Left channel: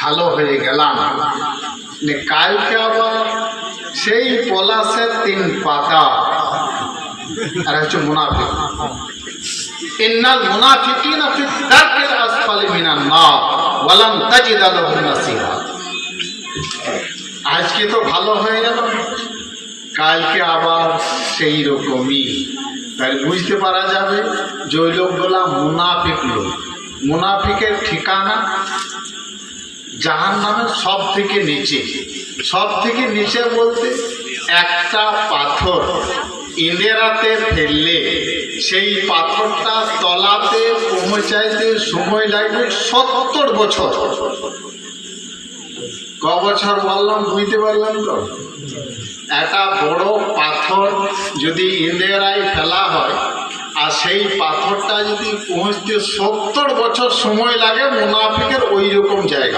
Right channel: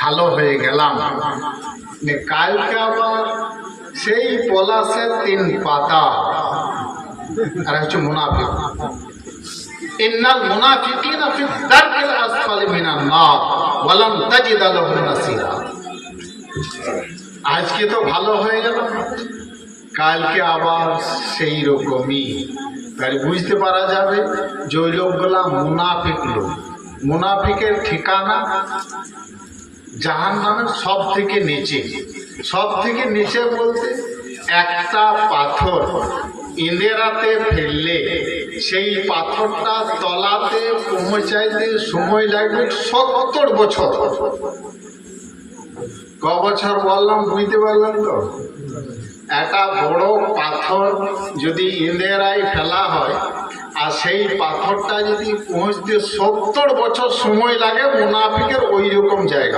ভালো হয়ে গেলাম, কালকে আবার সেই পলাশের 3 পাতা। আর হচ্ছে মুনাফিক। ইন্নাল মুনাফিকিনা ফি দারকিল আসফালি মিনান নার ওয়া লান তাজিদা লাহুম নাসীরা। আজকে তো ভালো হয়ে গেল, কালকে আবার সেই রকমই। তাই বুঝতে পারা যাবে যে ওই লোকগুলা মুনাফিক লোক। মুনাফিকের ঠিকানা জাহান্নামের সব থেকে নিচে। সব থেকে নিচে বলতে একটা পাথর ইন্দেরাতে ফেললে সেই পাথরটা তলাতে পৌঁছাইতে সময় লাগবে 70 বছর। ক বছর বললাম বুঝতে পারলাম তো? একটা বড় পাথর যদি ইন্দেরায় ফেলা হয় আর সেই পাথরটা যদি পৌঁছতে 70 বছর সময় লাগে, মুনাফিকের ওই রকম জায়গা।